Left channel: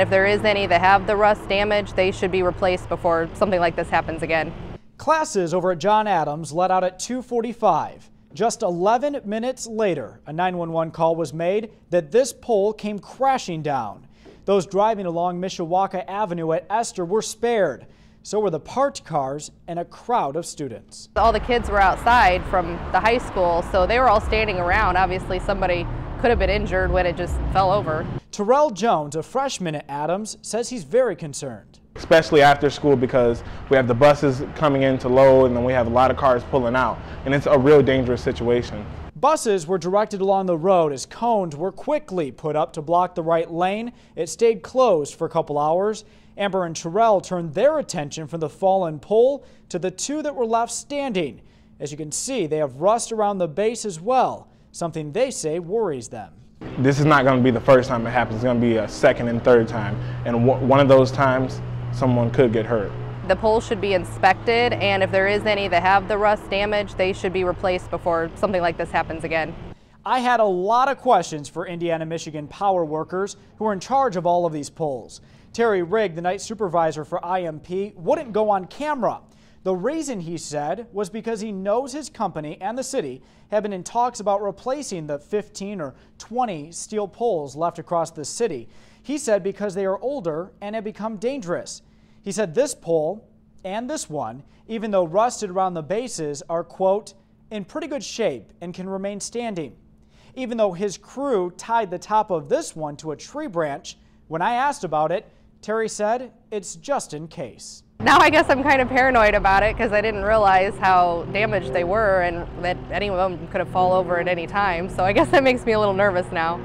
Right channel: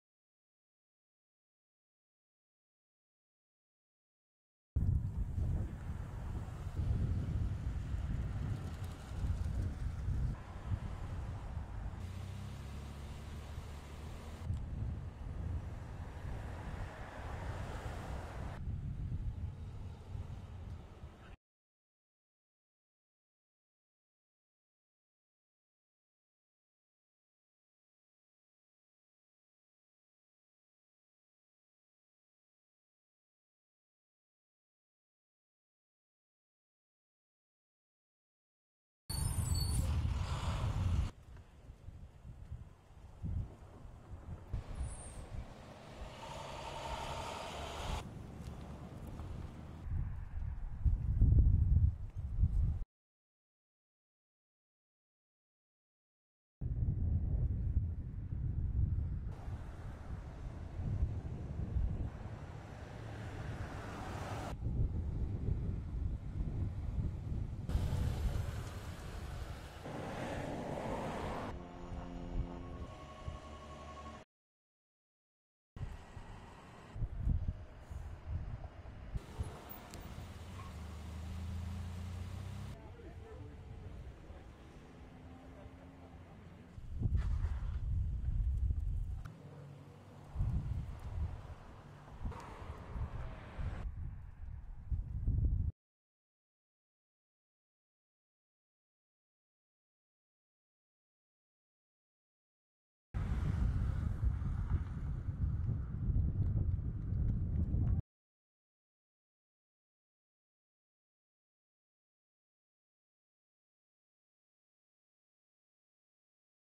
If there is any that have the rust damage, they should be replaced before something like this happens again. Classes over at John Adams let out at 2:45. Just 11 minutes later, a 911 call was made that this pole came crashing down. Those driving along Mishawaka Avenue at Esther were spared. So were the parked cars and a crowd of students. All the kids were outside from the high school, so they were all standing around. Obviously, somebody could have been injured when it just fell over. Terrell Jones, a freshman at Adams, says he's very concerned. Especially after school, because we have the buses coming in to load and then we have a lot of cars pulling out, and it's a real dangerous situation. Buses were directed along the road as cones were quickly put up to block the right lane. It stayed closed for a couple hours. Amber and Terrell turned their attention from the fallen pole to the two that were left standing. As you can see, they have rust around the base as well, something they say worries them. This is not going to be the first time it happens. It's going to be a second and third time, and one of those times someone could get hurt. The poles should be inspected, and if there is any that have the rust damage, they should be replaced before something like this happens again. I had a lot of questions for Indiana-Michigan power workers who are in charge of all of these poles. Terry Rigg, the night supervisor for IMP, wouldn't go on camera. The reason, he said, was because he knows his company and the city have been in talks about replacing the 15 or 20 steel poles left across the city. He said because they are older and have become dangerous. He said this pole and this one, even though rusted around the bases, are, quote, in pretty good shape and can remain standing. Even though his crew tied the top of this one to a tree branch, when I asked about it, Terry said it's just in case. Now I guess I'm kind of paranoid about it because I didn't realize how damaged they were and that any of them could have fallen over at any time. So I guess that makes me a little nervous now.